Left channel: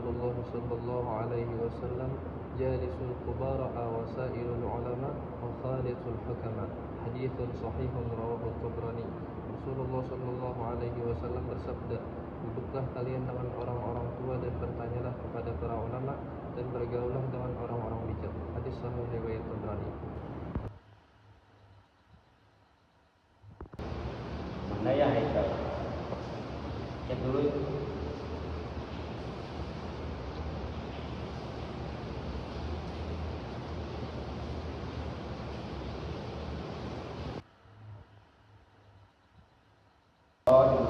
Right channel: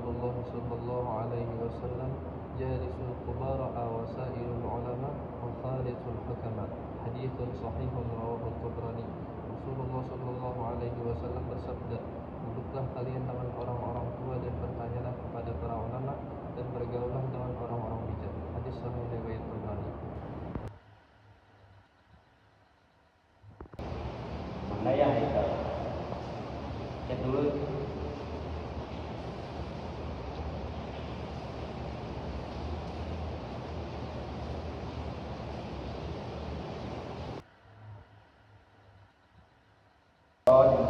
Rasulullah sallallahu alaihi wasallam jalisul kubara wa sairul ulama wa khalitul hukama. Haditsun sahihun rawahu Tabrani. Rasulullah sallallahu alaihi wasallam bersabda, duduklah kalian dengan orang-orang tua dan bertanyalah kepada para ulama dan bergaullah dengan orang-orang bijak. Hadis sahih riwayat Tabrani. Mana ya itu? Cek dulu. Oh, di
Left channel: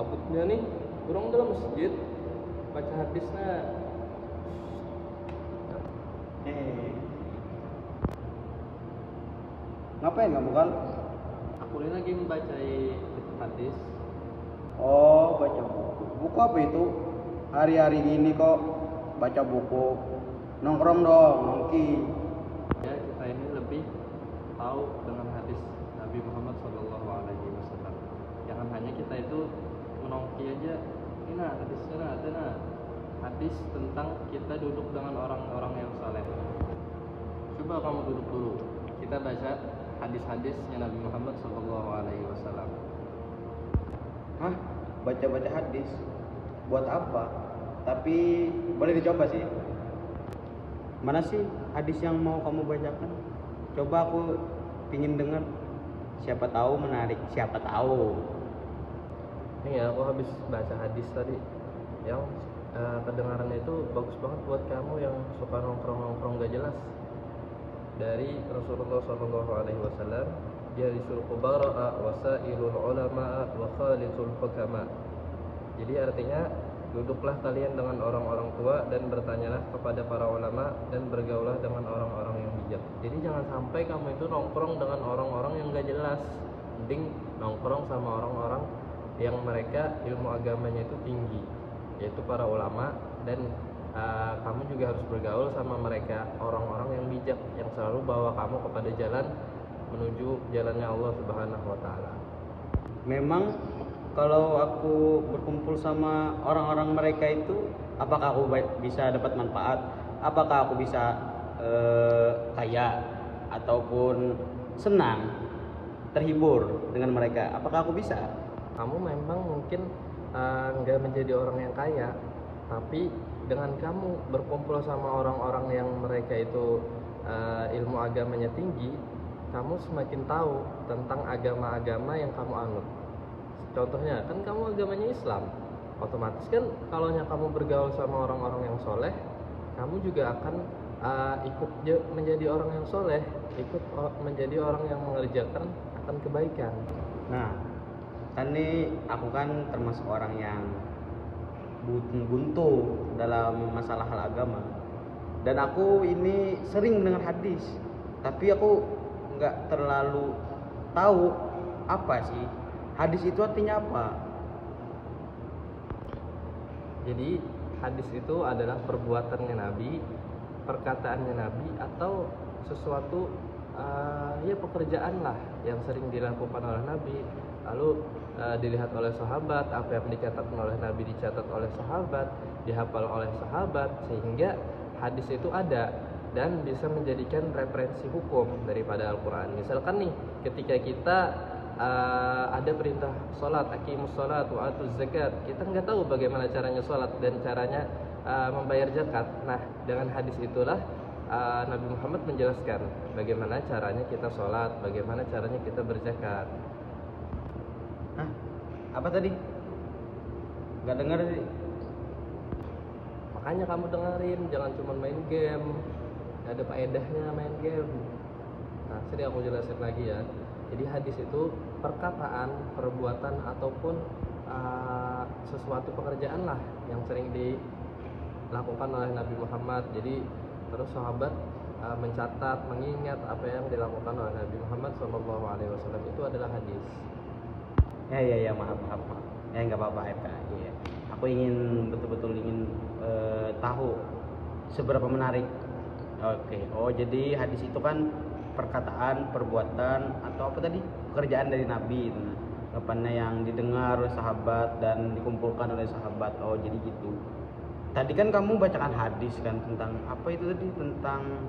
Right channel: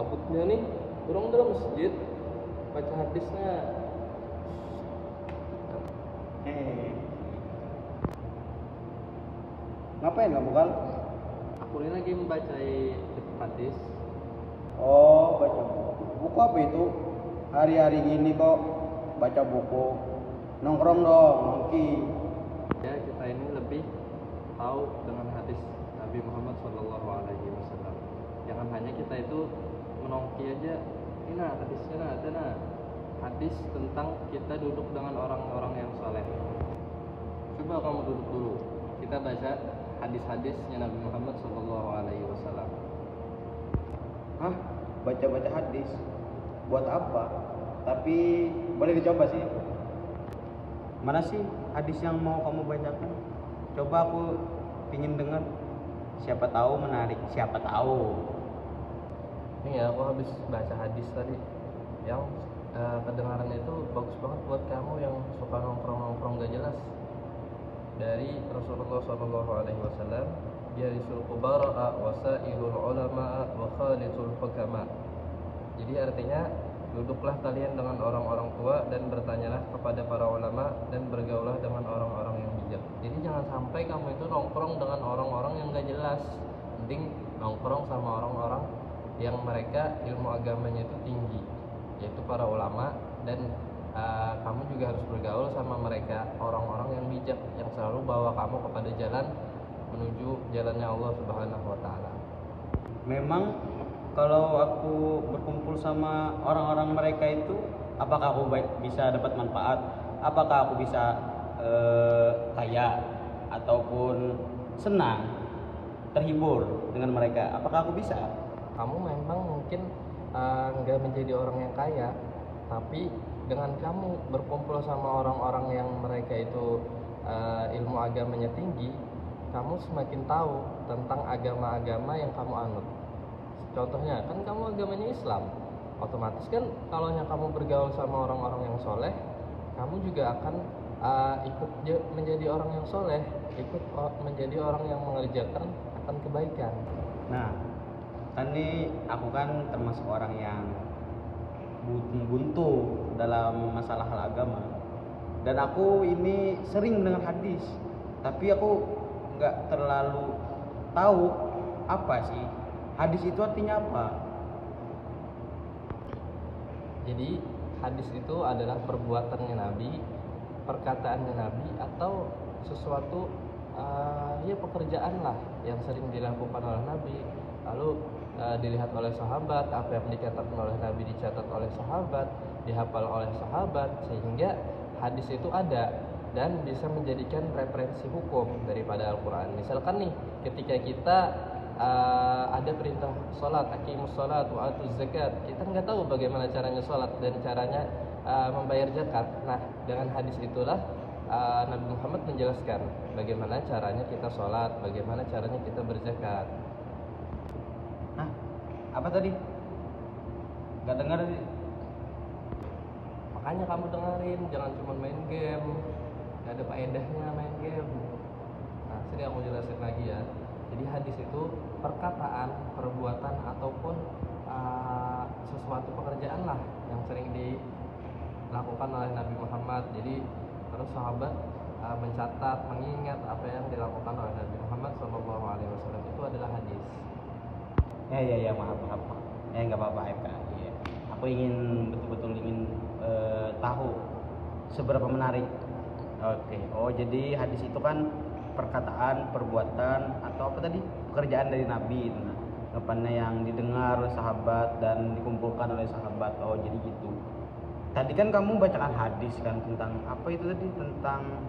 Abutnya nih, kurang dalam masjid baca hadisnya. Ngapain kamu kan? Aku ini lagi membaca hadis. Oh, baca buku. Buku apa itu? Hari-hari gini kok baca buku. Nongkrong dong, mungkin. Ya, kita ini lebih tahu dengan hadis Nabi Muhammad SAW. Jangan hanya kita itu menongki aja. Ini nah hadisnya, nah hadis tentang kita duduk dengan orang-orang yang saleh. Coba kamu duduk dulu. Kita baca hadis-hadisnya Nabi Muhammad SAW. Hah? Baca-baca hadis? Buat apa? Tapi boleh dicoba sih. Mana sih hadis yang mau kamu bacakan? Coba aku pingin dengar. Siapa tahu menarik, siapa tahu. Ini ya, aku habis baca hadis tadi yang kedengarannya itu bagus banget buat kamu yang suka nongkrong-nongkrong gak jelas. Dari Rasulullah SAW, jalisul kubara wa sairul ulama wa khalitul hukama. Jadi artinya, duduklah kalian dengan orang-orang tua dan bertanyalah kepada para ulama dan bergaulah dengan orang-orang yang bijak. Jadi jangan sampai kamu itu nongkrong dengan orang-orang yang gak jelas. Mending nongkrong sama orang-orang yang mereka ilmu agamanya itu tinggi, yaitu para ulama, dan kamu juga harus bergaul sama mereka, orang-orang yang bijak, yang selalu bawa kamu kepada jalan menuju jalannya Allah Subhanahu wa Ta'ala. Memang kalau aku berkumpul sama orang-orang mereka itu, apakah aku bisa dapat manfaat? Apakah aku bisa kaya ataupun senang, terhibur dengan mereka? Apakah aku bisa? Kamu memang mungkin nggak menjadi orang yang kaya, tapi dengan kamu berkumpul sama orang-orang yang mereka itu ilmu agamanya tinggi, kamu semakin tahu tentang agama-agama yang kamu anut. Contohnya kan kamu agamanya Islam, otomatis kan kalau kamu bergaul sama orang-orang yang soleh, kamu juga akan ikut menjadi orang yang soleh, ikut menjadi orang yang mengerjakan akan kebaikan. Nah, kan nih aku kan termasuk orang yang buntu dalam masalah hal agama, dan aku ini sering mendengar hadis, tapi aku nggak terlalu tahu apa sih hadis itu, artinya apa. Jadi hadis itu adalah perbuatannya Nabi, perkataannya Nabi, atau sesuatu ya pekerjaan lah yang sering dilakukan oleh Nabi, lalu dilihat oleh sahabat, apa yang dicatatkan oleh Nabi dicatat oleh sahabat, dihafal oleh sahabat, sehingga hadis itu ada dan bisa menjadikan referensi hukum daripada Al-Quran. Misalkan nih, ketika kita ada perintah sholat, aqimus sholat wa atuz zakat, kita nggak tahu bagaimana caranya sholat dan caranya membayar zakat. Nah, dengan hadis itulah Nabi Muhammad menjelaskan bagaimana caranya kita sholat, bagaimana caranya kita berzakat. Hah? Apa tadi? Nggak dengar sih. Makanya kamu dengerin, jangan cuma main game. Gak ada faedahnya main game. Nah, sini aku jelasin lagi ya. Jadi hadis itu perkataan, perbuatan, ataupun sesuatu pekerjaan lah yang sering dilakukan oleh Nabi Muhammad. Jadi terus sahabat mencatat, mengingat apa yang dilakukan oleh Nabi Muhammad SAW, itu adalah hadis. Ya, maaf, maaf. Ya nggak apa-apa, FK. Iya. Aku ingin betul-betul ingin tahu seberapa menarik. Oke. Oh, jadi hadis itu kan perkataan, perbuatan atau apa tadi? Pekerjaan dari Nabi itu. Apanya yang didengar oleh sahabat dan dikumpulkan oleh sahabat. Oh, jadi gitu. Tadi kan kamu bacakan hadis kan tentang apa itu tadi? Tentang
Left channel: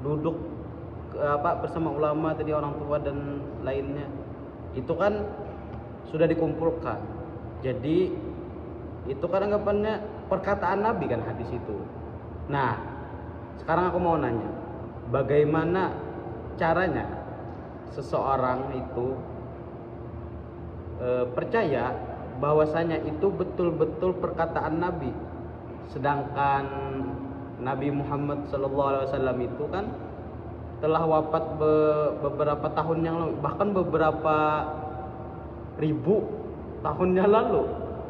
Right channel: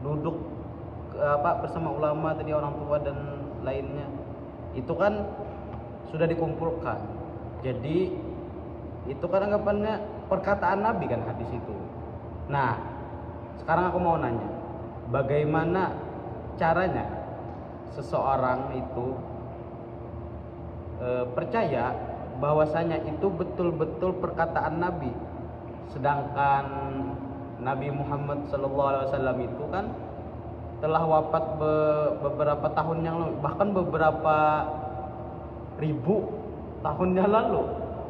duduk apa bersama ulama tadi, orang tua dan lainnya. Itu kan sudah dikumpulkan. Jadi itu kan anggapannya perkataan Nabi kan hadis itu. Nah, sekarang aku mau nanya, bagaimana caranya seseorang itu percaya bahwasanya itu betul-betul perkataan Nabi, sedangkan Nabi Muhammad SAW itu kan telah wafat beberapa tahun yang lalu, bahkan beberapa ribu tahun yang lalu.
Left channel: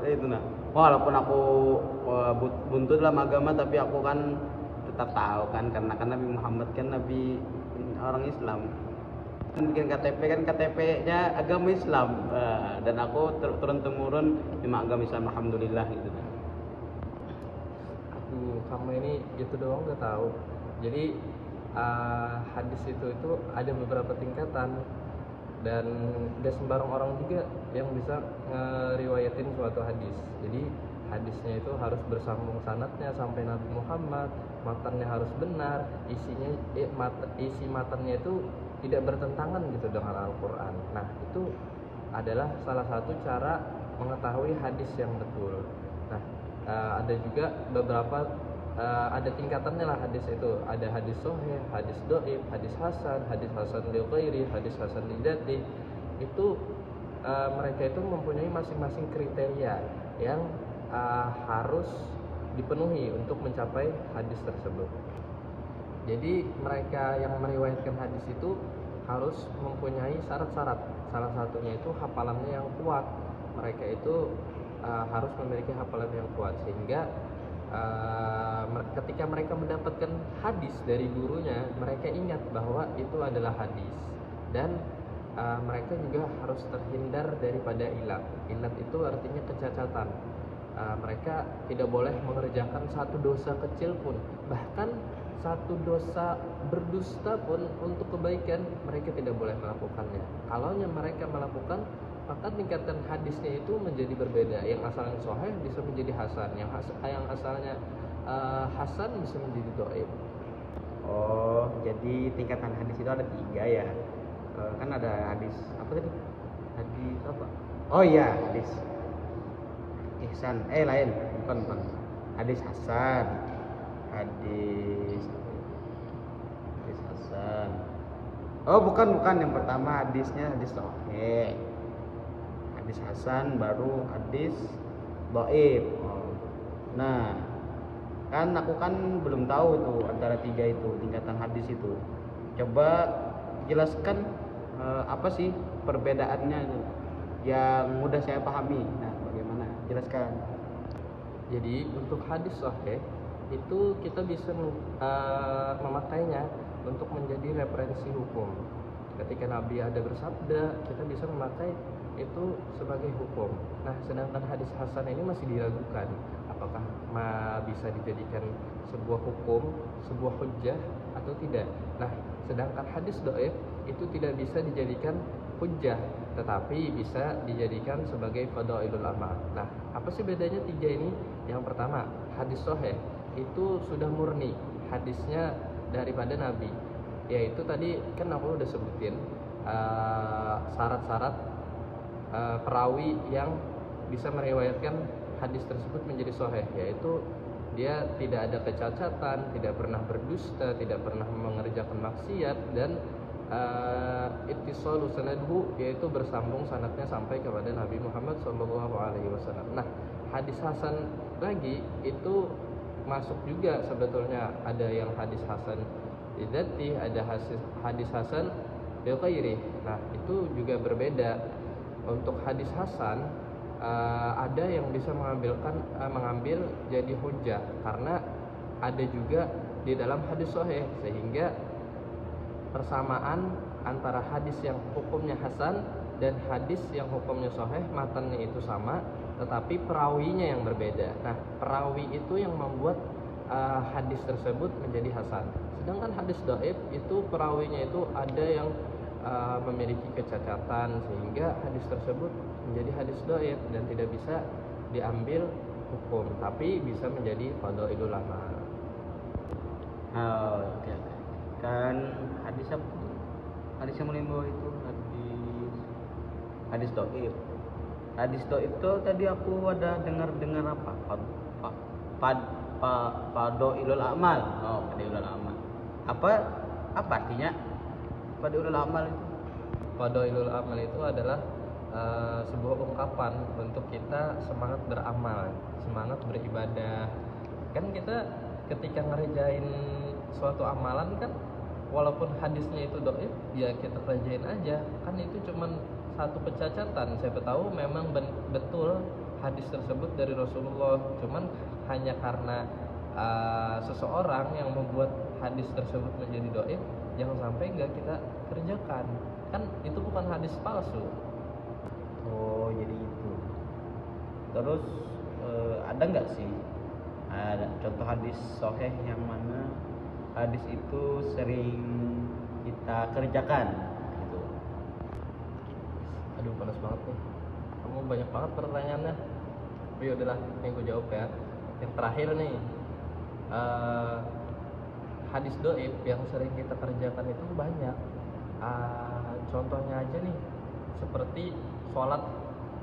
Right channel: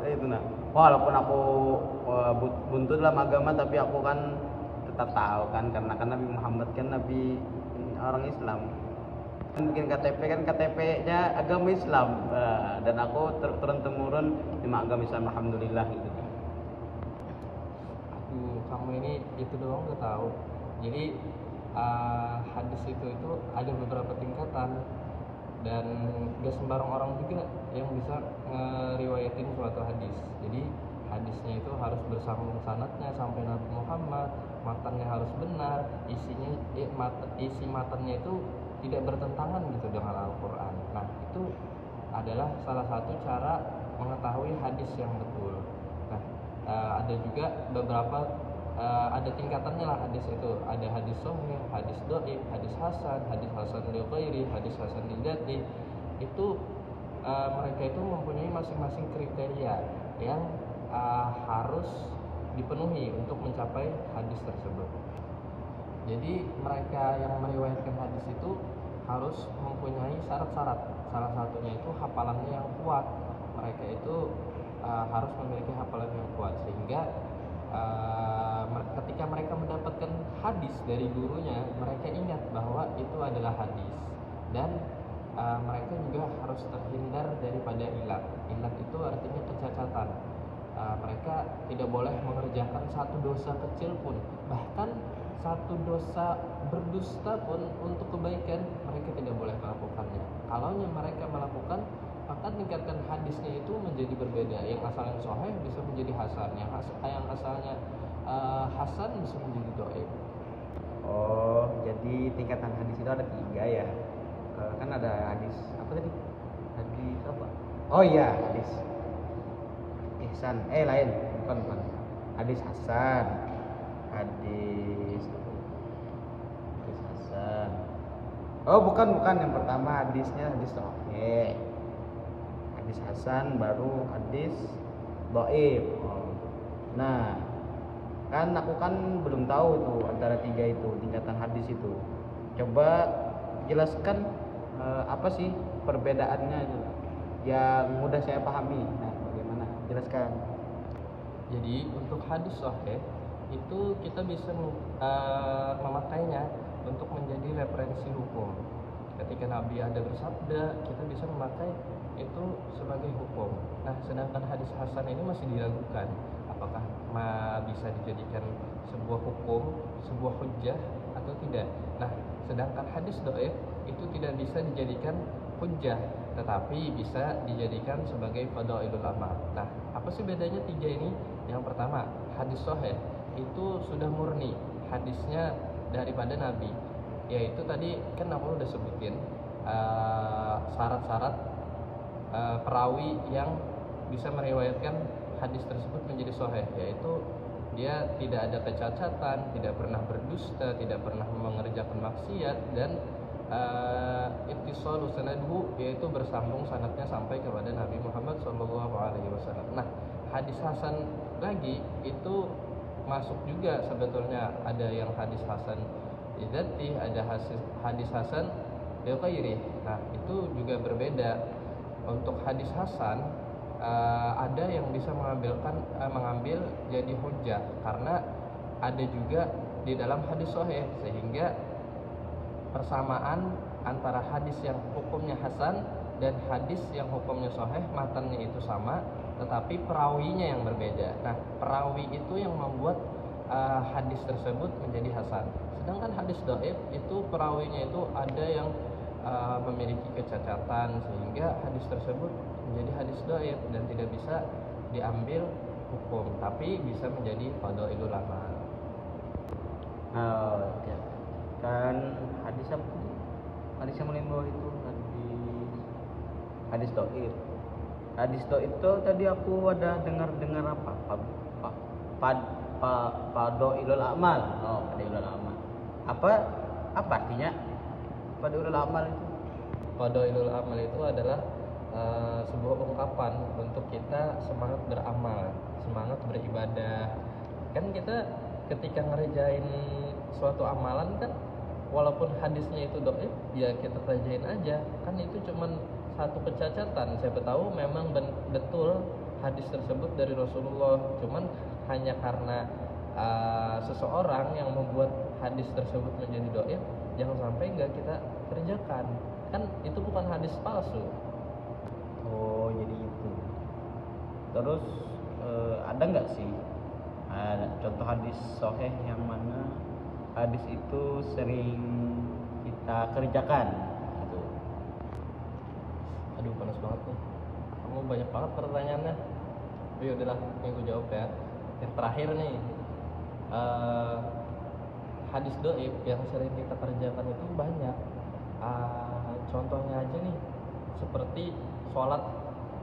Itu nah, walaupun aku buntut dalam agama, tapi aku kan tetap tahu kan, karena kan Nabi Muhammad kan Nabi orang Islam kan, bikin KTP kan KTP-nya agama Islam. Dan aku turun temurun di agama Islam, alhamdulillah gitu kan. Kamu ini itu doang udah tahu. Jadi hadis itu ada beberapa tingkatan, dan gak sembarang orang juga yang bisa ngeriwayatin suatu hadis. Jadi hadisnya itu harus bersambung sanadnya sampai Nabi Muhammad, matanya harus benar, isi matanya itu tidak bertentangan gitu dengan Al-Quran. Nah, itu adalah salah satu cara mengetahui hadis yang betul. Nah, ada juga beberapa ada tingkatannya lah hadis itu. Ada hadis sahih, hadis dhaif, hadis hasan li ghairi, hadis hasan li dzati. Itu mereka itu mempunyai masing-masing kriteria yang harus dipenuhi untuk mencapai hadis tersebut. Jadi mereka yang meriwayatkan hadis itu harus mempunyai syarat-syarat. Salah satunya itu hafalannya yang kuat. Mereka itu harus memiliki hafalan yang kuat, sehingga ketika mereka mendapatkan hadis dari gurunya, mereka ingat bahwa itu adalah hadis. Dan mereka juga harus terhindar daripada ilat. Ilat itu artinya kecacatan. Mereka tidak boleh mengerjakan satu dosa kecil pun, bahkan satu dosa berdusta pun untuk kebaikan mereka tidak boleh melakukannya. Kalau mereka melakukan, maka tingkatan hadisnya itu menjadi berbeda. Yang asalnya sahih bisa menjadi hasan, yang asalnya hasan bisa menjadi dhaif. Oh, jadi tingkatan hadis itu ada 3 ya. Kan ada hadis apa tadi? Hadis apa? Oh iya, hadis ihsan. Lain, bukan. Hadis hasan. Hadis hasan. Oh, bukan. Yang pertama hadisnya hadis sahih. Hadis hasan, baru hadis dhaif. Nah, kan aku kan belum tahu tuh antara 3 itu tingkatan hadis itu. Coba jelaskan apa sih perbedaannya yang mudah saya pahami. Nah, bagaimana? Jelaskan. Jadi untuk hadis sahih itu kita bisa memakainya untuk menjadi referensi hukum. Ketika Nabi ada bersabda, kita bisa memakai itu sebagai hukum. Nah, sedangkan hadis hasan ini masih diragukan apakah bisa dijadikan sebuah hukum, sebuah hujjah atau tidak. Nah, sedangkan hadis dhaif itu tidak bisa dijadikan hujjah, tetapi bisa dijadikan sebagai fadailul amal. Nah, apa sih bedanya 3 ini? Yang pertama, hadis sahih itu sudah murni hadisnya daripada Nabi, yaitu tadi kan aku udah sebutin syarat-syarat perawi yang bisa meriwayatkan hadis tersebut menjadi sahih, yaitu dia tidak ada kecacatan, tidak pernah berdusta, tidak pernah mengerjakan maksiat, dan ittisalu sanadhu, yaitu bersambung sanadnya sampai kepada Nabi Muhammad SAW. Nah, hadis hasan lagi itu masuk juga sebetulnya, ada yang hadis hasan lidzati, ada hadis hasan li ghairi. Nah, itu juga berbeda. Untuk hadis hasan ada yang bisa mengambil jadi hujjah karena ada juga di dalam hadis sahih, sehingga persamaan antara hadis yang hukumnya hasan dan hadis yang hukumnya sahih, matanya itu sama, tetapi perawinya yang berbeda. Nah, perawi itu yang membuat hadis tersebut menjadi hasan. Sedangkan hadis dhaif itu perawinya itu ada yang memiliki kecacatan sehingga hadis tersebut menjadi hadis dhaif dan tidak bisa diambil hukum, tapi bisa menjadi fadhailul amal. Oke. Kan hadis apa tuh? Hadis yang menimbul itu hadis dhaif. Hadis dhaif itu tadi aku ada dengar apa? Fadhailul amal. Oh, fadhailul amal. Apa artinya? Fadhailul amal itu. Fadhailul amal itu adalah sebuah ungkapan untuk kita semangat beramal, semangat beribadah. Kan kita ketika ngerjain suatu amalan kan, walaupun hadisnya itu dhaif, ya kita kerjain aja. Kan itu cuman satu pencacatan. Siapa tahu memang betul hadis tersebut dari Rasulullah, cuman hanya karena seseorang yang membuat hadis tersebut menjadi dhaif, jangan sampai nggak kita kerjakan. Kan itu bukan hadis palsu. Oh, jadi itu. Terus ada nggak sih contoh hadis sahih yang mana hadis itu sering kita kerjakan gitu? Aduh, panas banget nih. Kamu banyak banget pertanyaannya. Oh, ya udahlah, yang gue jawab ya. Yang terakhir nih, hadis dhaif yang sering kita kerjakan itu banyak. Contohnya aja nih, seperti sholat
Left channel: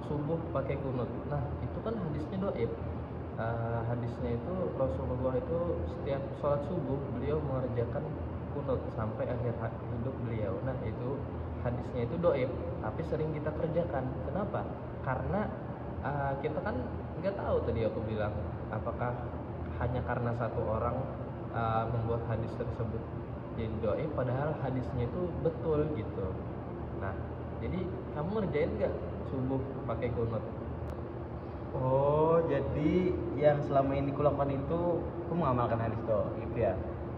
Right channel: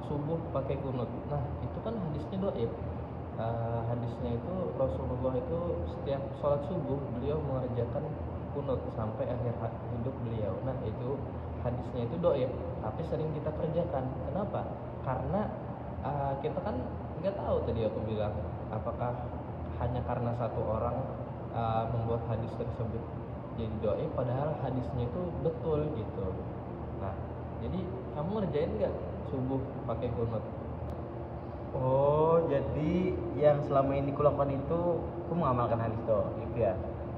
subuh pakai kunut. Nah, itu kan hadisnya dhaif. Hadisnya itu Rasulullah itu setiap sholat subuh beliau mengerjakan kunut sampai akhir hidup beliau. Nah, itu hadisnya itu dhaif, tapi sering kita kerjakan. Kenapa? Karena kita kan nggak tahu, tadi aku bilang, apakah hanya karena satu orang membuat hadis tersebut jadi dhaif, padahal hadisnya itu betul gitu. Nah, jadi kamu ngerjain nggak subuh pakai kunut? Oh, jadi yang selama ini kulakukan itu aku mengamalkan hadis itu ya.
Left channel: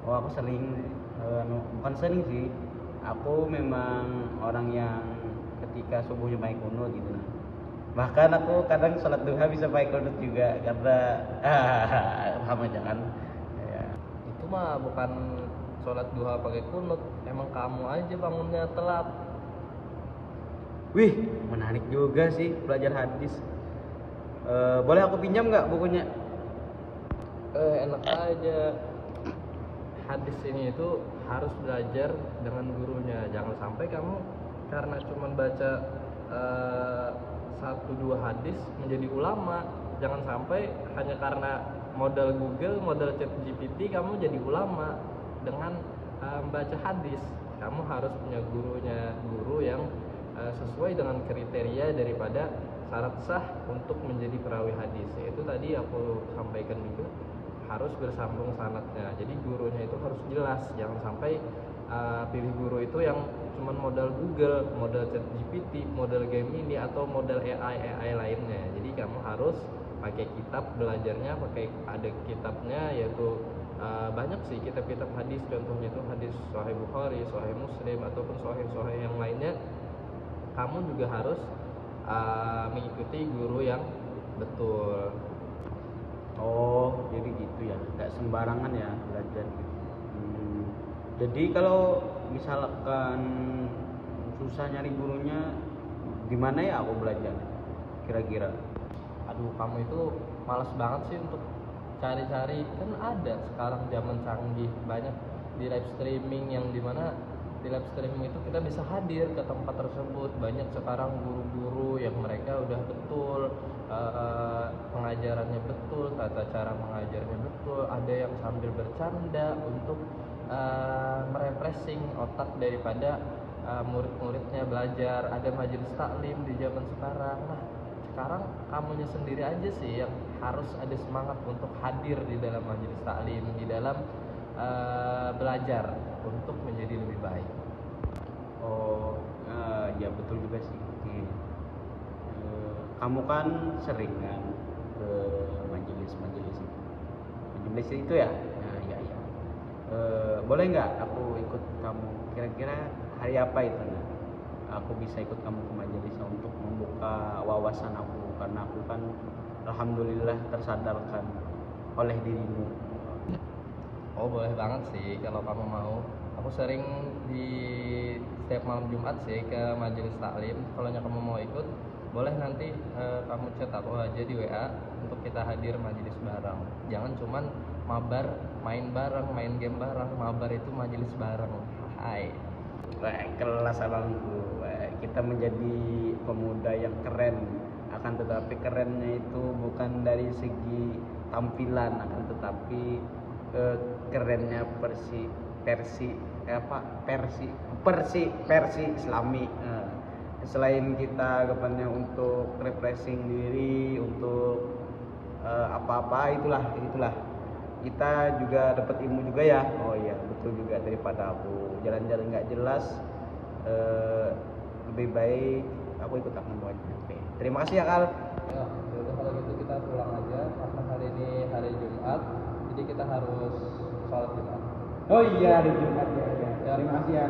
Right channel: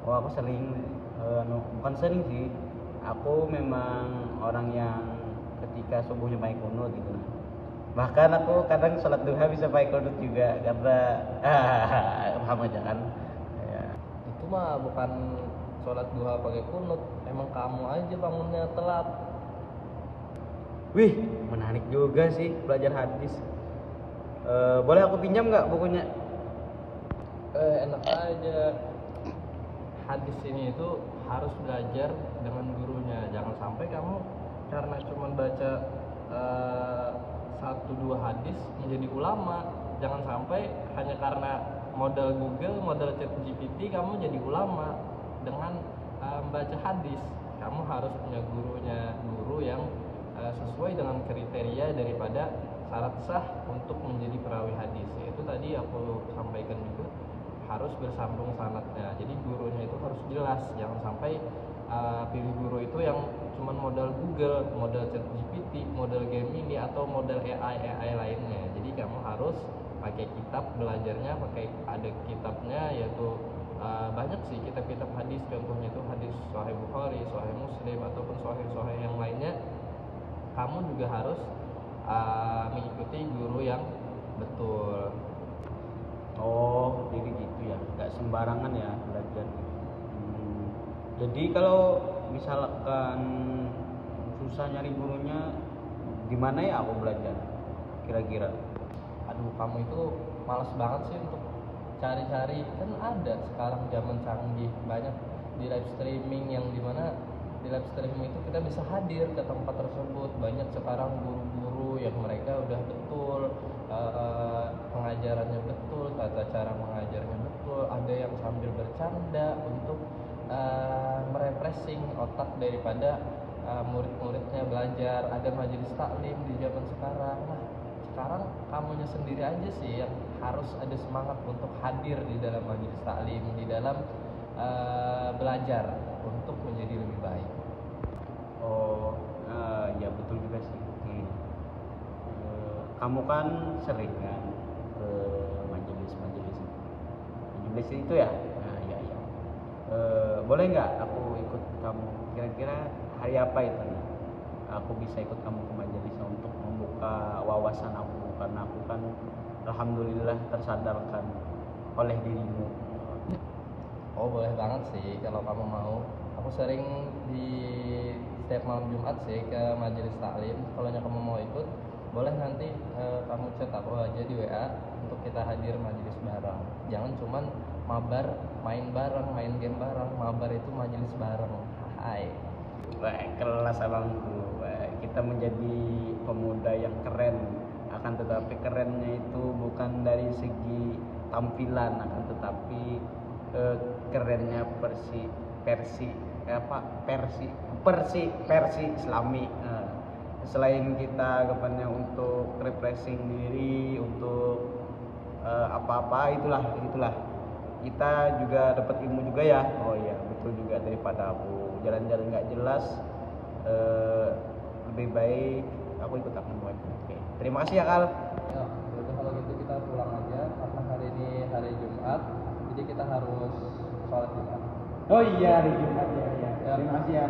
Oh, aku sering bukan sering sih. Aku memang orang yang ketika subuhnya pakai kunut gitu. Bahkan aku kadang sholat duha bisa pakai kunut juga karena paham aja kan. Ya. Itu mah bukan sholat duha pakai kunut, emang kamu aja bangunnya telat. Wih, menarik juga sih belajar hadis. Boleh aku pinjam nggak bukunya? Enak aja. Hadis ini itu harus belajar dengan gurunya. Jangan sampai kamu karena cuma baca satu dua hadis menjadi ulama. Jangan sampai hanya karena modal Google, modal ChatGPT kamu jadi ulama dengan membaca hadis. Kamu harus punya guru yang sesuai dengan kriteria daripada syarat sah untuk menjadi perawi hadis. Itu tadi aku sampaikan juga, harus bersambung sanadnya. Jadi gurunya itu harus jelas, jangan sampai pilih guru itu yang cuma modal Google, modal ChatGPT, modal Gemini atau modal AI lainnya. Jadi kamu harus pakai kitab belajarnya, ada kitabnya, yaitu banyak sih kitab-kitab hadis. Contohnya itu hadis Sahih Bukhari, Sahih Muslim, ataupun Sahih yang lainnya. Kamu juga harus mengikuti guru yang betul. Oh, jadi gitu ya, nggak sembarangan ya belajar. Jadi kalau misalkan susah nyari gurunya, di mana ya aku belajar? Kira-kira? Aduh, kamu itu malas banget sih untuk cari-cari. Kan ada sekarang zaman canggih, banyak di live streaming, yang dimana di live streaming itu kita bisa hadir ke tempat tersebut. Banyak sekarang guru-guru yang mereka udah betul pengajarannya betul, tata cara mengajarnya betul. Ada yang sambil bercanda untuk merefreshing otak daripada murid-muridnya belajar. Ada majelis taklim di zaman sekarang. Nah, sekarang kamunya sendiri aja sih yang harus ada semangat untuk hadir di dalam majelis taklim, di dalam belajar untuk menjadi lebih baik. Oh, ya betul juga sih. Kamu kan sering kan ke majelis itu ya? Ya. Boleh nggak aku ikut kamu? Kira-kira hari apa itu? aku bisa ikut kamu ke majelis untuk membuka wawasan aku, karena aku kan alhamdulillah tersadarkan oleh dirimu. Oh boleh banget sih kalau kamu mau. Aku sering di setiap malam Jumat sih ke majelis taklim. Kalau kamu mau ikut, boleh nanti kamu chat aku aja di WA untuk kita hadir majelis bareng. Jangan cuman mabar main bareng, main game bareng. Mabar itu majelis bareng. Hai. Wah, kelas abangku. Wah, kita menjadi pemuda yang keren, akan tetapi kerennya itu bukan dari segi tampilan, akan tetapi kerennya versi Islami. Nah, selain kita kebanyakan untuk refreshing diri, untuk apa-apa itulah kita juga dapat ilmu juga ya. Oh iya betul juga, daripada aku jalan-jalan nggak jelas, lebih baik aku ikut kamu aja. Oke, terima kasih ya Al. Ya, yaudah kalau gitu kita pulang aja karena hari ini hari Jumat, jadi kita harus sholat Jumat. Oh iya hari Jumat ya. Ya. Terima kasih ya.